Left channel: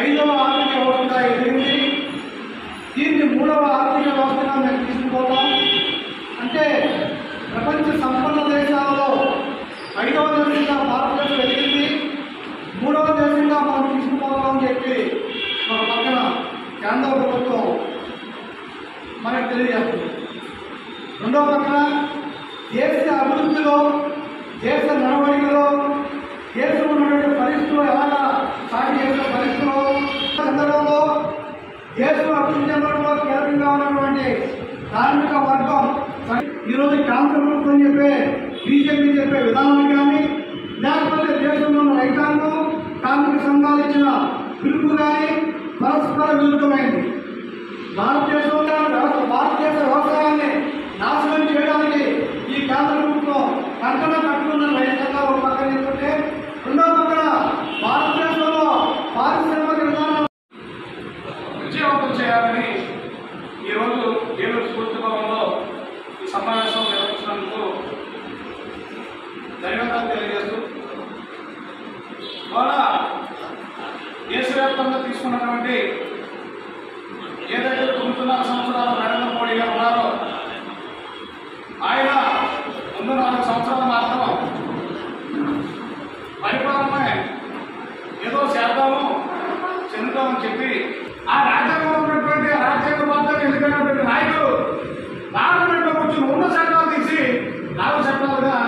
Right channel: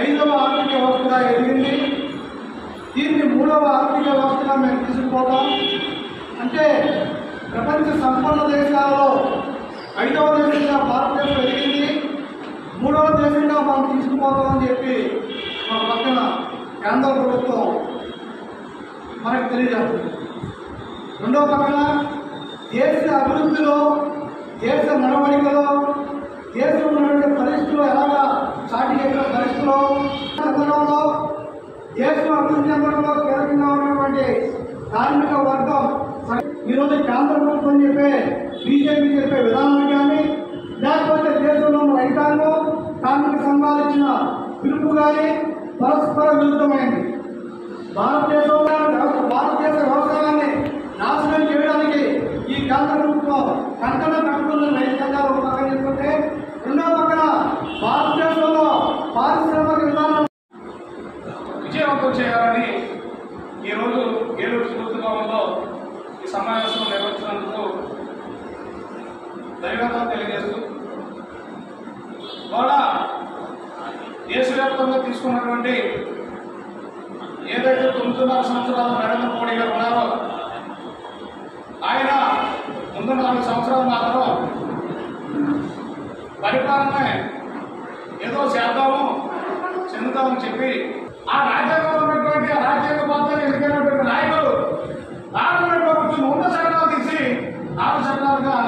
5వ ఆర్థిక వ్యవస్థగా ఎదిగింది. దీన్ని 3వ ఆర్థిక వ్యవస్థగా మేము తీసుకుపోతాం. అంటే ప్రపంచ సంపన్న దేశాలలో 5వ దేశంగా భారతదేశం ఎదిగింది, 3వ దేశంగా మనం తీసుకుపోతామని చెప్పి మన పక్కన కేంద్ర ప్రభుత్వం మనకు తెలియజేస్తుంది. రెండవ పక్కన దేశ అభివృద్ధిలో, దేశ నడవడికలో, దేశంలో ఉన్నటువంటి పరిస్థితులు ఎలాగా సాటి చేసిన పరిస్థితుల్లో చెందడంలో, దేశం అభివృద్ధి చెందడంలో కీలకంగా ఉన్నటువంటి కార్మిక వర్గం ఈరోజు కేంద్ర ప్రభుత్వం చెప్పే బీజేపీ చెప్పే విధానం కానీ, లేకపోతే దేశంలో ఉన్న రైతాంగం కార్మిక సంఘాలు ఇచ్చిన పిలుపు కానీ పరస్పర విరుద్ధమైంది. భారతదేశ వ్యవసాయాన్ని నాశనం చేయడానికి ఈ కేంద్ర ప్రభుత్వం కంకణ కట్టుకున్న రైతు సంఘాలు ఒక పక్కన తీసుకుంటే, రెండో పక్కన భారతదేశంలో పారిశ్రామిక విధానం విజయవంతం చేయాలని ఈరోజు ఏలూరు స్ఫూర్తి భవనంలో ఈ సమావేశం నిర్వహించినందుకు ధన్యవాదాలు తెలియజేస్తూ, ద్వారా దేశవ్యాప్తంగా తీసుకున్నటువంటి ఏదైతే 9.5 సంవత్సరాలు నరేంద్ర మోడీ గారు ఉన్నారో, ఆయన ముందు 4 సంవత్సరాలు మాత్రం పరిపాలన ఏదో చేద్దాము చెందుతామని చెప్పి ఆ రాజ్యాంగంలో ఉన్నటువంటి రాజ్యాంగబద్ధంగా ఎన్నికైనటువంటి నాయకులు పార్లమెంట్లో కూర్చుని ఉన్న చట్టాలు తీసి 4 చట్టాలుగా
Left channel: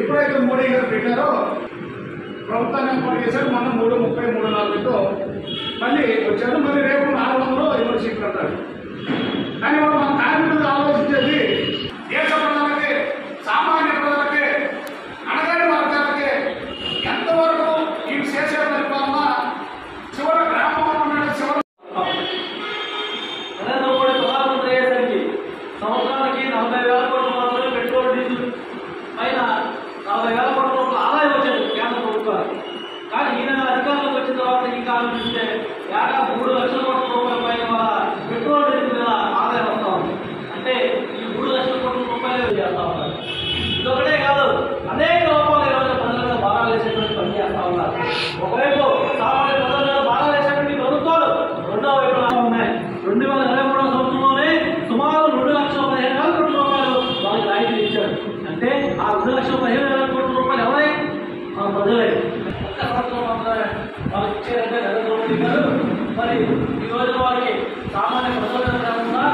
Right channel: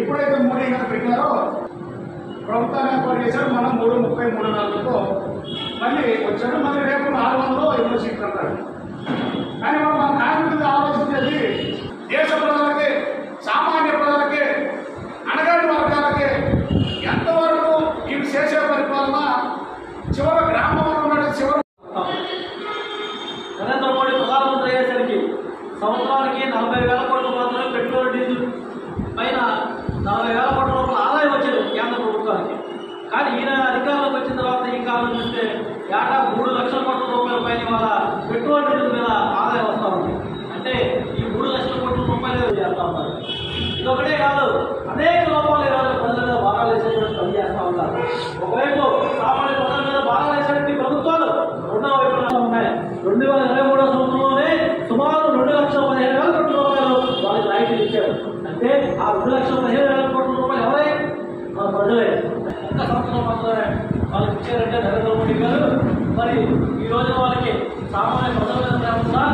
ఎప్పుడైతే మోడీ గారు పెట్టారో ప్రభుత్వాన్ని ఏర్పాటు చేశారు. మనం 333 మళ్ళీ వచ్చారు. మళ్ళీ రేపు 400 యూనివర్సిటీ అంటారు. కానీ మనం మన కార్మికులు ఆలోచించేది దేశ ప్రజలకి, సామాన్య ప్రజలకి, అణగారి వర్గాలకి ఎంతవరకు ఈ చేసే పరిపాలన చివరి గ్రామంలో ఉన్న చివరి నరేంద్ర మోడీ ప్రధానమంత్రి అయ్యేసరికి సంవత్సరానికి 40,000 కోట్ల మాత్రమే పెట్రోల్ డీజిల్ పైన 40,000 కోట్ల రూపాయల ఆదాయం వచ్చేది కేంద్ర ప్రభుత్వానికి. కానీ ఈయన అధికారంలోకి వచ్చిన తర్వాత ఇంకా ఆలోచిస్తే ఏటా 3 లక్షల కోట్ల రూపాయల పైన ఇవాళ పెట్రోల్ డీజిల్ మీద ఆదాయం వస్తూ ఉంది. అంటే ఈ 3 లక్షల కోట్ల రూపాయలు చేస్తూ ఉన్నారు. ఇదొకటే కాదు, అనేక రూపాయలు ఈరోజు ప్రజల మీద భారాలు వేసేటువంటి పని చేస్తూ ఉన్నారు. ఒకవైపు సామాన్య ప్రజల మీద భారాలు వేసేటువంటి ప్రభుత్వాలు, రెండో వైపు ఉన్నాయి. 2023 సంవత్సరంలోనే సుమారు 2,15,000 కోట్ల రూపాయలు వాళ్ళకి రాయితీ ఇచ్చారు. అంటే ఆ 2,15,000 కోట్ల రూపాయలు ఎవరై? మన ప్రజలే. ఒక్క సంవత్సరం మాత్రమే వాళ్ళకి ఇచ్చారంటే నరేంద్ర మోడీ గారు. మరి ఈ రోజు వాళ్ళకి సామాన్య ప్రజల మీద కాకుండా